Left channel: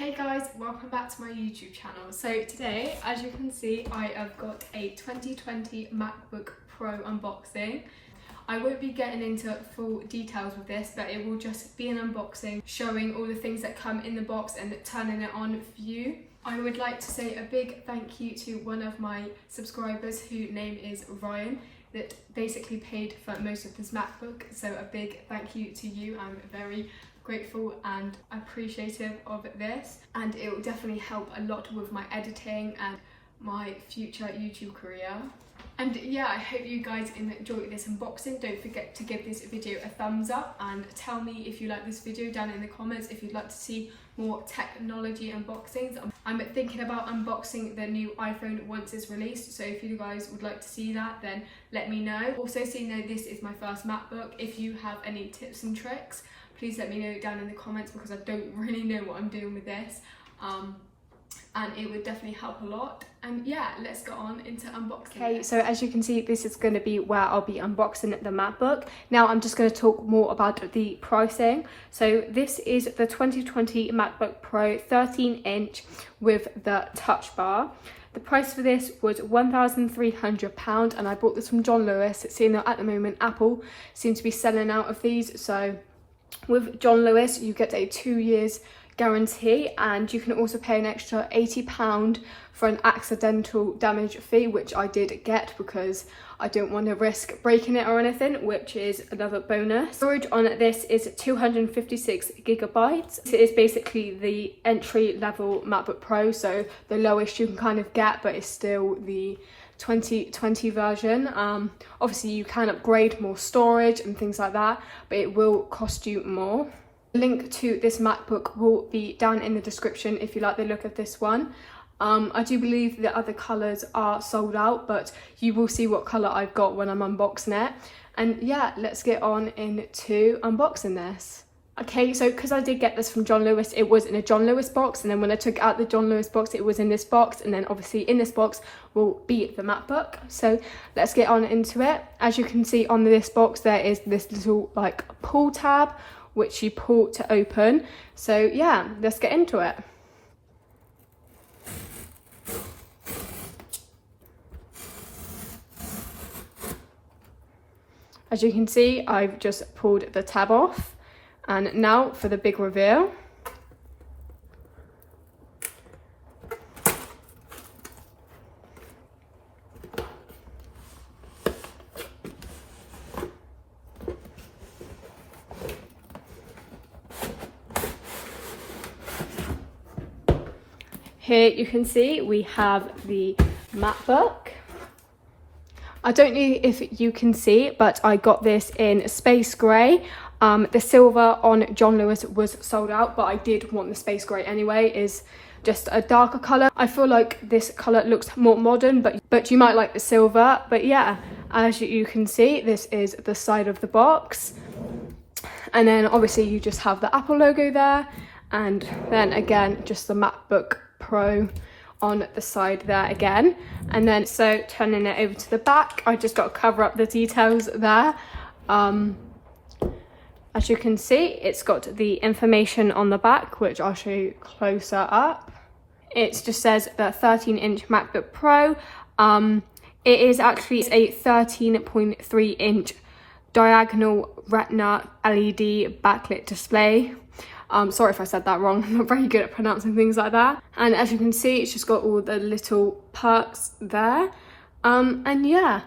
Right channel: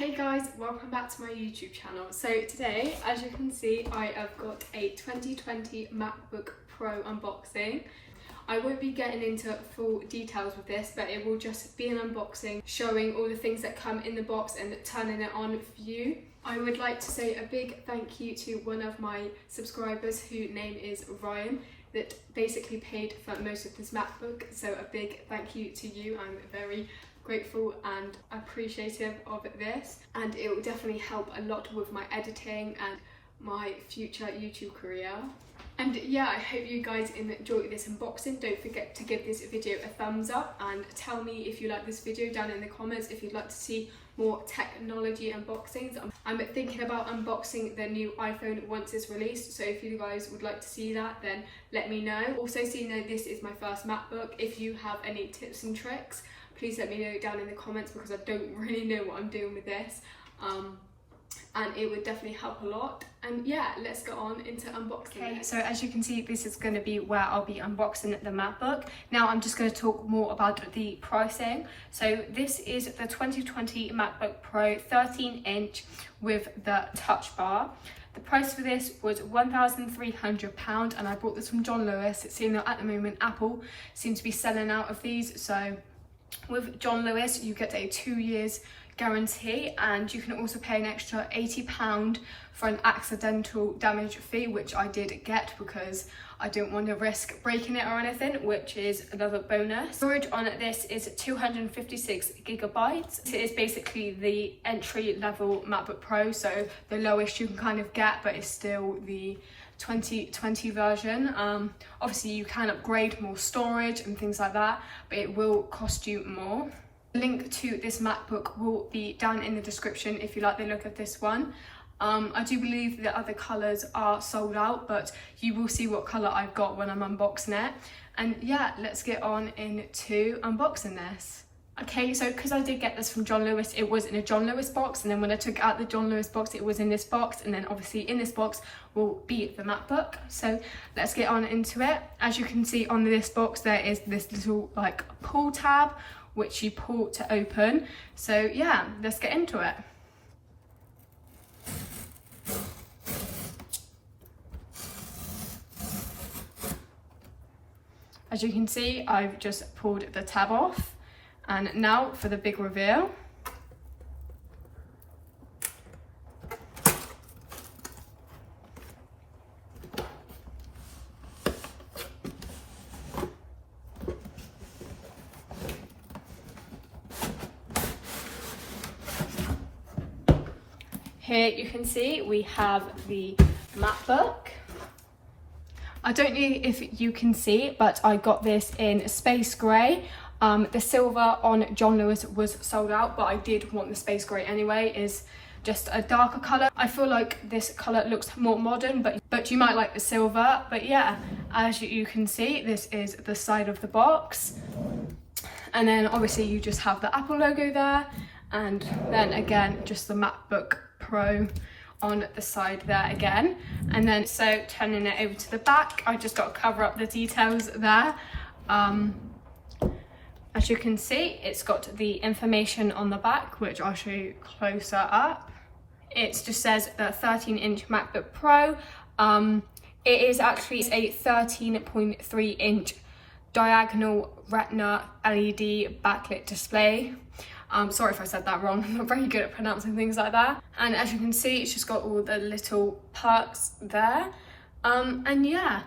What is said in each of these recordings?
Hey guys, welcome back to my YouTube channel. So today, as you can see, I have got a 2020 MacBook Pro unboxing. I won't be getting into full details with this, but it will just be an unboxing showing all the things that come in the box and turning it on for you. I would like to say a big thank you to one of my subscribers whose name is Ryan, that basically paid for most of this MacBook. So a big thank you to you. I'm very grateful and appreciative of this, and it will definitely help a lot with my editing and my future YouTube career. And yeah, I hope you guys enjoy this unboxing. Don't forget to give this video a thumbs up and tell me if you like this video down in the comments if you'd like to see more technology unboxings. I'm thinking about unboxing the new iPhone once it's released, so if you guys would like to see that, then let me know. Also, so you know, this is my first MacBook. If you have any tips and tricks, please let me know down in the comments, because I don't really know what I'm doing with this, and it would definitely help a lot. And yeah, let's go on into unboxing. Okay, so as you can see, this is going to be where I'll be unboxing the MacBook. Now I'm just going to talk more about the pricing. So this is the 2020 MacBook Pro 13-inch with the Touch Bar. The price for this was £1,300, and I bought this from John Lewis, seeing that at the moment Apple seems to be selling out of these. So with John Lewis, you get a 2 years guarantee, and you can also pay an extra £80 for an accidental damage fee, which I did get because I don't want to risk breaking it or anything, which is another bonus. Storage on this is 256 gigabytes. It is basically the entry level MacBook Pro, so the lowest you can kind of get, but it's still the 2020 version. Obviously you can upgrade more storage and things like that, but it will cost you more. The link to this MacBook will be down in the description if you like the look of this one. I do believe the other colours are sold out, but you will see what colour I've got when I'm unboxing it. And yeah, let's get on into unboxing this. Okay, so because I did get this from John Lewis, it was in a John Lewis box, and then when I took out the John Lewis box, it was in this box, and then obviously in this box will be the MacBook. So let's get on into it. As you can see on this box, there is this little like pull tab, which you pull to open. So yeah, let's get into it. As you can see, I've just pulled the tab off. And now for the big reveal. Here you can see we have the MacBook. I don't know if you can see, but I got this in space grey. The silver on John Lewis was sold out, but I did want the space grey anyway. Is just a darker colour. I feel like this colour looks more modern, but you might like the silver. But yeah, as you can see, this is the side of the box. And then obviously you just have the Apple logo there, and then again, just the MacBook Pro on the side there again. And then so turning it over to the back, I just got to cover up the details there. As you can see, it's got the information on the back, which I'll show you closer up. It just says the 13-inch MacBook Pro. It is actually a 13.3-inch diagonal Retina LED backlit display. Sorry if I said that wrong, I'm not very good at pronouncing things like that. And as you can see, it's just got all the little perks there. And yeah,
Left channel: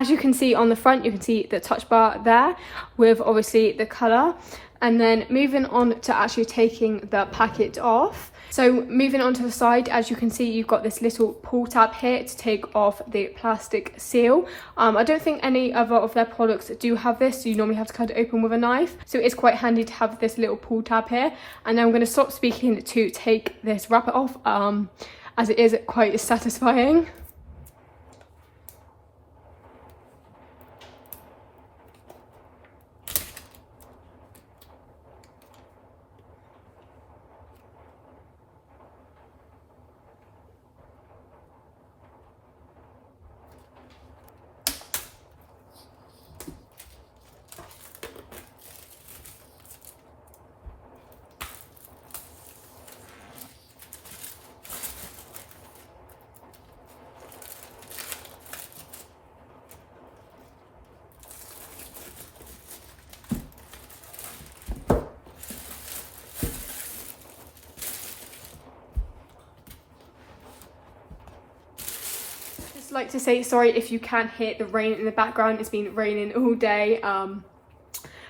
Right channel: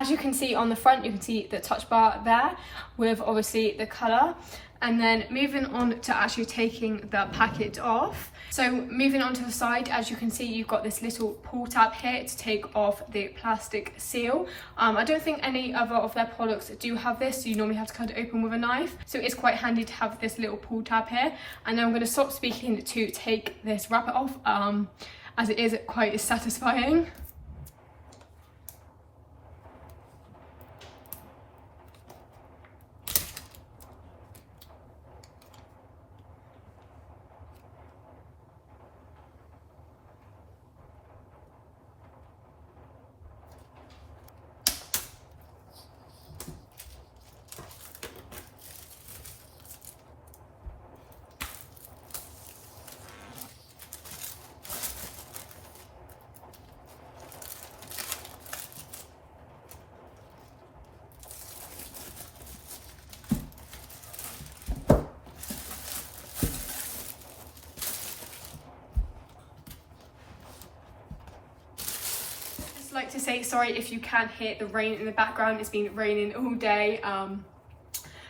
as you can see on the front, you can see the touch bar there with obviously the colour. And then moving on to actually taking the packet off. So moving on to the side, as you can see, you've got this little pull tab here to take off the plastic seal. I don't think any other of their products do have this, so you normally have to kind of open with a knife. So it's quite handy to have this little pull tab here. And then I'm going to stop speaking to take this wrapper off, as it is quite satisfying. also like to say sorry if you can hear the rain in the background. It's been raining all day,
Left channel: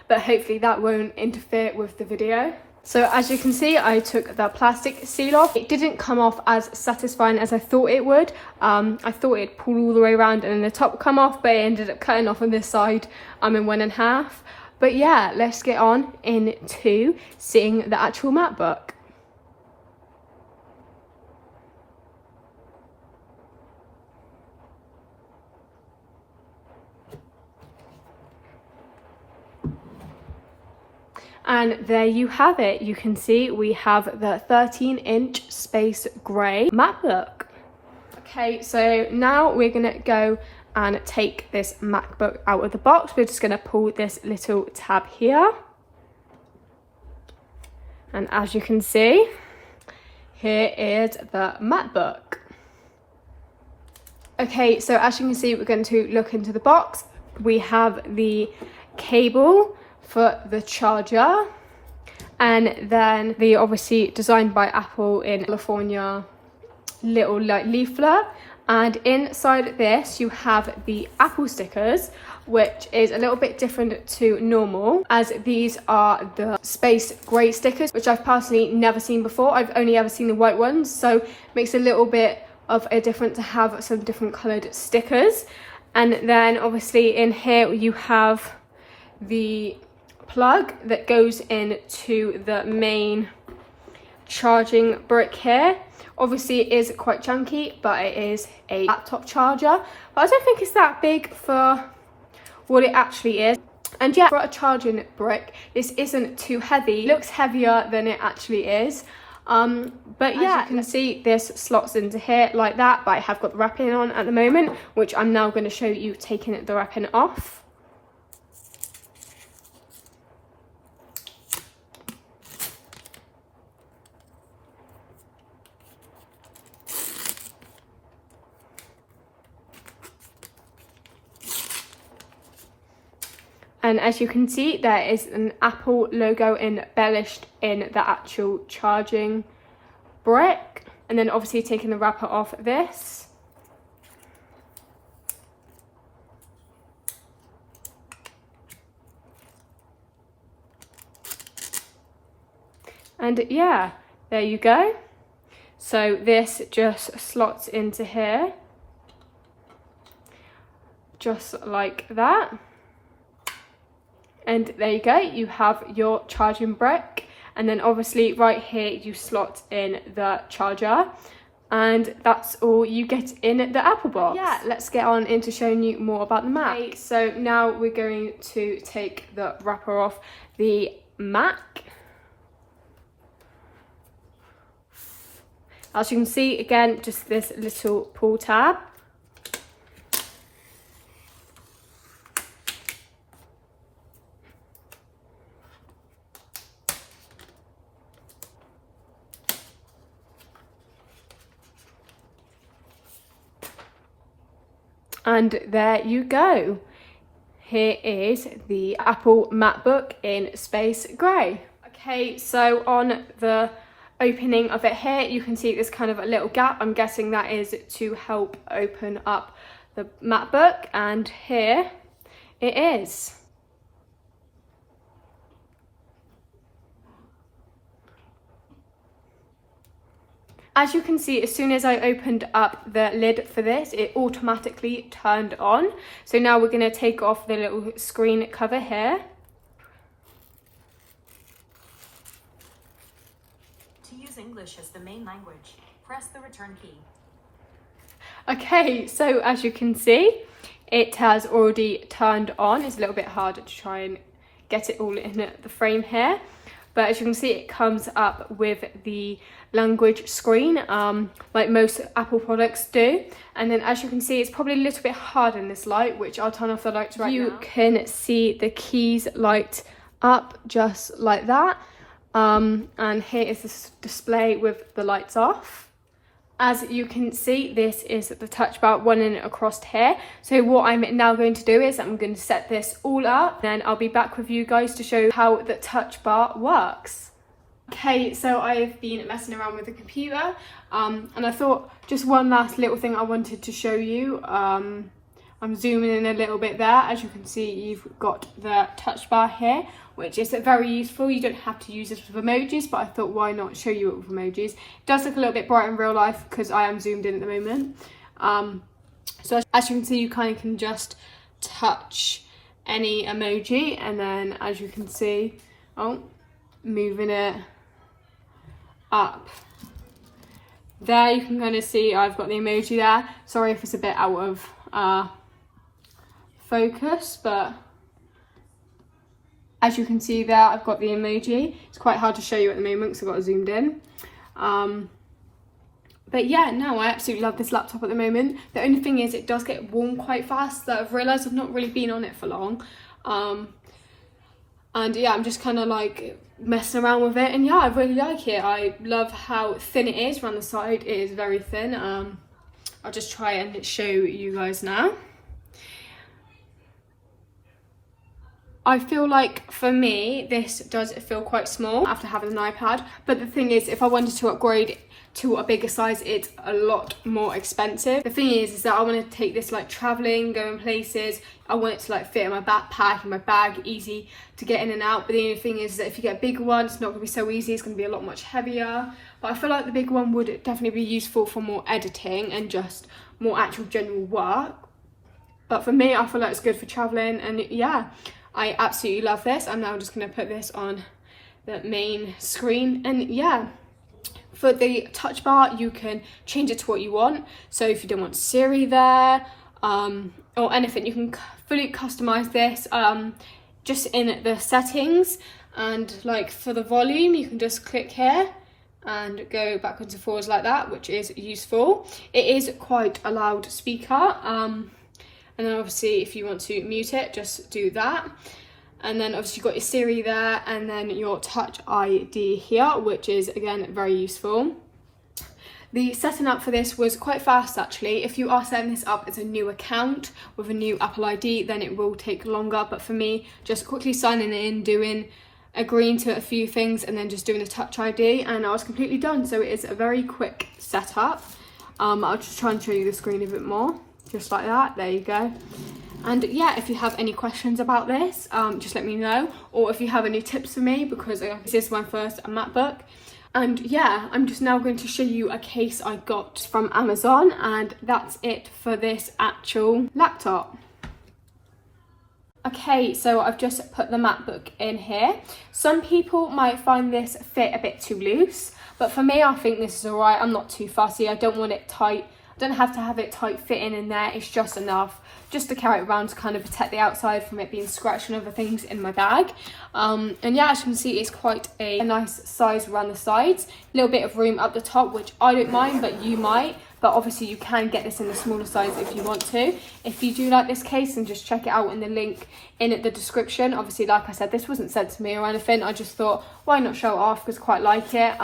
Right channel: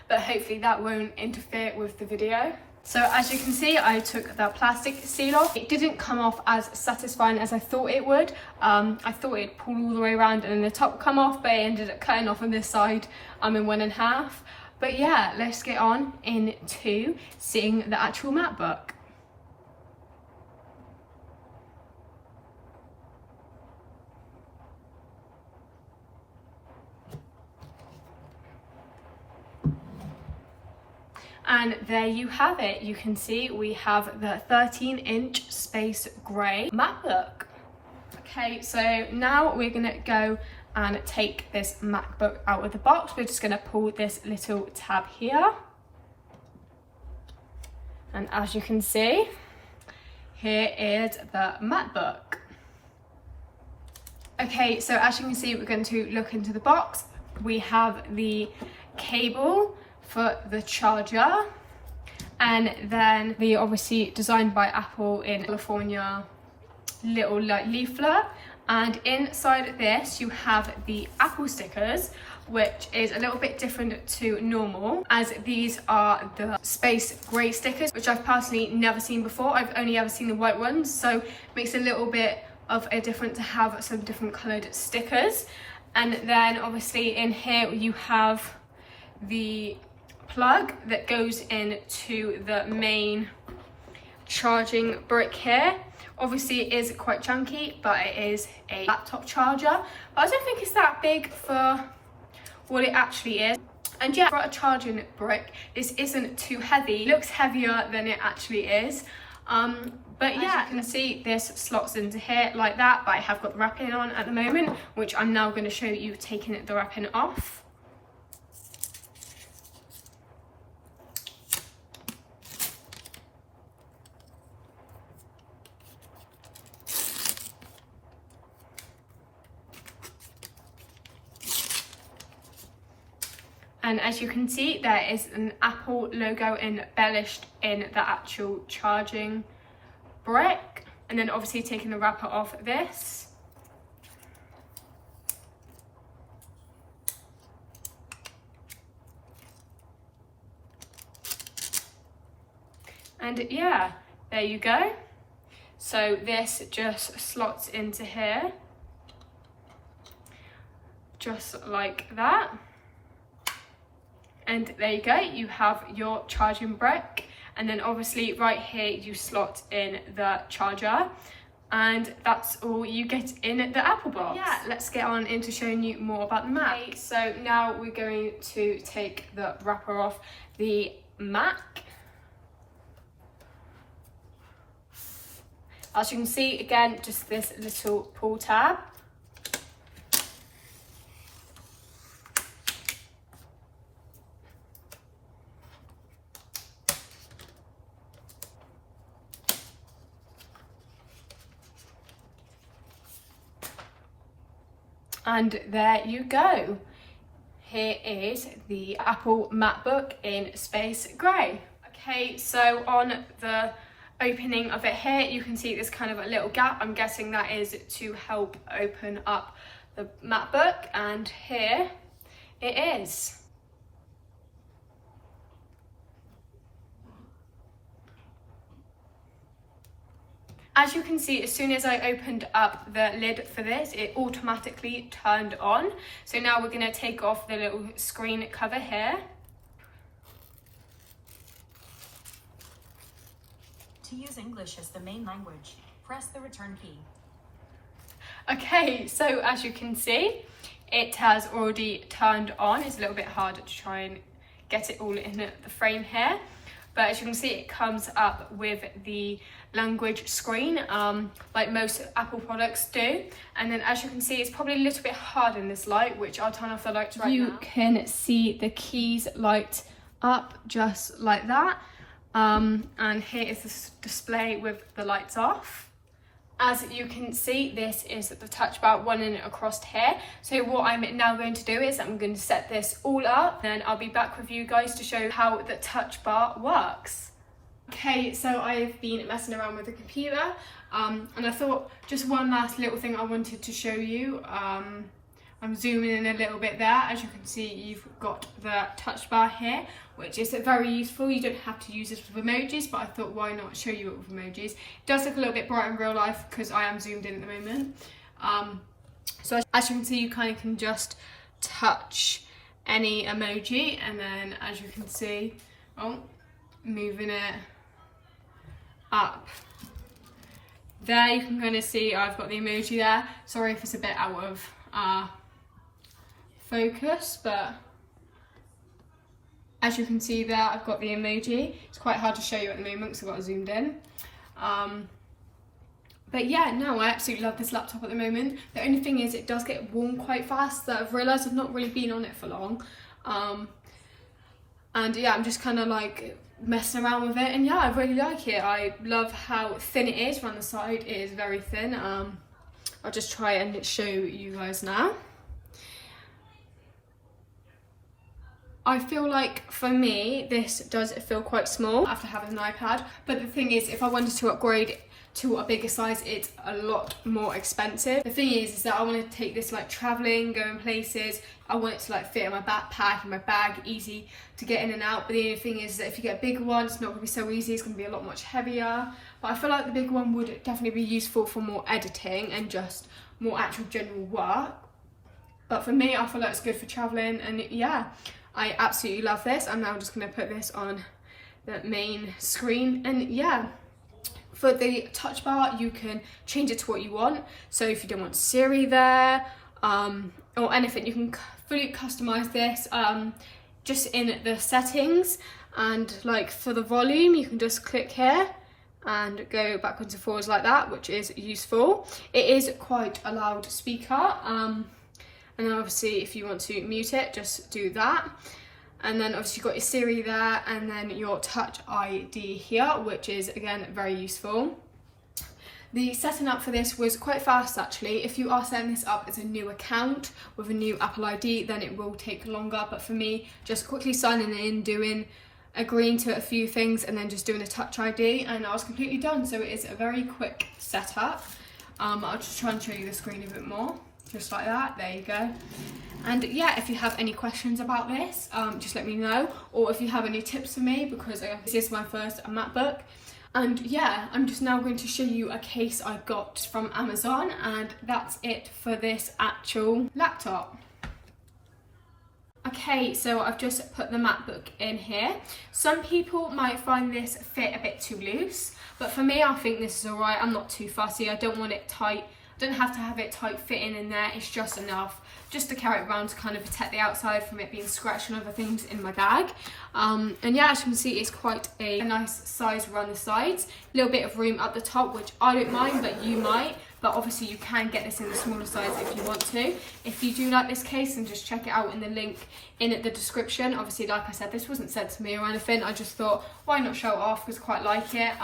but hopefully that won't interfere with the video. So as you can see, I took the plastic seal off. It didn't come off as satisfying as I thought it would. I thought it'd pull all the way around and then the top would come off, but it ended up cutting off on this side in 1.5. But yeah, let's get on into seeing the actual MacBook. And there you have it. You can see we have the 13-inch space grey MacBook. Okay, so now we're gonna go and take this MacBook out of the box. We're just gonna pull this little tab here. And as you can see, here is the MacBook. Okay, so as you can see, we're going to look into the box. We have the cable for the charger, and then the obviously designed by Apple in California little like leaflet, and inside this you have the Apple stickers, which is a little bit different to normal, as these are the space grey stickers, which I've personally never seen before. I've only ever seen the white ones, so it makes a little bit of a difference to have some different coloured stickers. And then obviously in here you have the plug that goes into the main charging brick here. Obviously it is quite chunky, but it is a laptop charger, but I don't think it's that big for what it actually is. And yeah, for a charging brick, this isn't too heavy. It looks heavier than it actually is. But yeah, you can see this slots into here like that, but I have got the wrapping on at the moment, which I'm now going to show you taking the wrapping off. And as you can see, there is an Apple logo embellished in the actual charging brick. And then obviously taking the wrapper off this. And yeah, there you go. So this just slots into here, just like that. And there you go, you have your charging brick, and then obviously right here you slot in the charger, and that's all you get in the Apple box. Yeah, let's get on into showing you more about the Mac. Okay, so now we're going to take the wrapper off the Mac. As you can see, again, just this little pull tab. And there you go. Here is the Apple MacBook in space grey. Okay, so on the opening of it here, you can see there's kind of a little gap. I'm guessing that is to help open up the MacBook, and here it is. As you can see, as soon as I opened up the lid for this, it automatically turned on. So now we're going to take off the little screen cover here. To use English as the main language, press the return key. Okay, so as you can see, it has already turned on. It's a little bit hard to try and get it all in the frame here. But as you can see, it comes up with the language screen, like most Apple products do. And then as you can see, it's probably a little bit hard in this light, which I'll turn off the lights right now. You can see the keys light up just like that. And here is this display with the lights off. As you can see, this is the touch bar running across here. So what I'm now going to do is I'm going to set this all up, then I'll be back with you guys to show you how the touch bar works. Okay, so I've been messing around with the computer, and I thought just one last little thing I wanted to show you. I'm zooming in a little bit there. As you can see, you've got the touch bar here, which is very useful. You don't have to use this with emojis, but I thought why not show you it with emojis. It does look a little bit bright in real life because I am zoomed in at the moment. So as you can see, you kind of can just touch any emoji, and then as you can see, moving it up there, you can kind of see I've got the emoji there. Sorry if it's a bit out of focus, but as you can see there, I've got the emoji. It's quite hard to show you at the moment because I've got it zoomed in. But yeah, no, I absolutely love this laptop at the moment. The only thing is it does get warm quite fast. That I've realised I've not really been on it for long. And yeah, I'm just kind of like messing around with it, and yeah, I really like it. I love how thin it is around the side. It is very thin. I'll just try and show you guys now. I feel like for me this does feel quite small after having an iPad, but the thing is, if I wanted to upgrade to a bigger size, it's a lot more expensive. The thing is that I want to take this like traveling, going places. I want it to like fit in my backpack, in my bag, easy to get in and out. But the only thing is that if you get a bigger one, it's not going to be so easy. It's going to be a lot much heavier. But I feel like the bigger one would definitely be useful for more editing and just more actual general work. But for me, I feel like it's good for traveling, and yeah, I absolutely love this. I'm now just going to put this on the main screen, and yeah. For the touch bar, you can change it to what you want. So if you don't want Siri there, or anything, you can fully customize this just in the settings. And like for the volume, you can just click here and go backwards and forwards like that, which is useful. It is quite a loud speaker. And then obviously if you want to mute it, just do that. And then obviously you've got your Siri there, and then your Touch ID here, which is again very useful. The setting up for this was quite fast actually. If you are setting this up as a new account with a new Apple ID, then it will take longer. But for me, just quickly signing in, agreeing to a few things, and then just doing a Touch ID, and I was completely done. So it is a very quick setup. I'll just try and show you the screen a bit more. Just like that, there you go. And yeah, if you have any questions about this, just let me know, or if you have any tips for me, because this is my first MacBook. And yeah, I'm just now going to show you a case I got from Amazon, and that's it for this actual laptop. Okay, so I've just put the MacBook in here. Some people might find this fit a bit too loose, but for me, I think this is all right. I'm not too fussy. I don't want it tight. I don't have to have it tight fitting in there. It's just enough just to carry it around to kind of protect the outside from it being scratched and other things in my bag. And yeah, as you can see, it's quite a nice size around the sides. A little bit of room up the top, which I don't mind, but you might. But obviously you can get this in the smaller size if you want to. If you do like this case, then just check it out in the link in the description. Obviously, like I said, this wasn't sent to me or anything. I just thought, why not show it off, because I quite like it.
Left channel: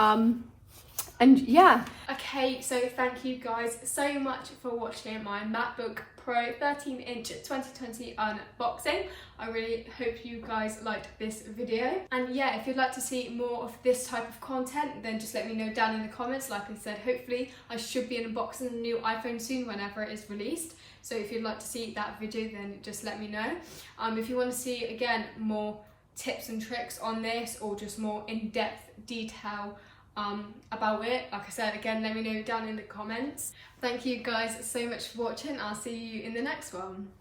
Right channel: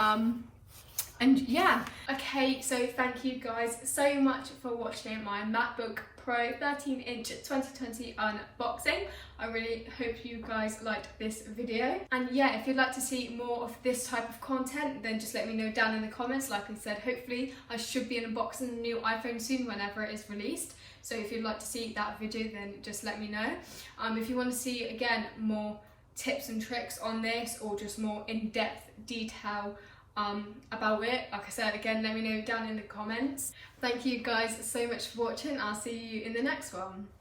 And yeah. Okay, so thank you guys so much for watching my MacBook Pro 13-inch 2020 unboxing. I really hope you guys liked this video. And yeah, if you'd like to see more of this type of content, then just let me know down in the comments. Like I said, hopefully I should be unboxing a new iPhone soon whenever it is released. So if you'd like to see that video, then just let me know. If you want to see, again, more tips and tricks on this, or just more in-depth detail about it, like I said, again, let me know down in the comments. Thank you guys so much for watching. I'll see you in the next one.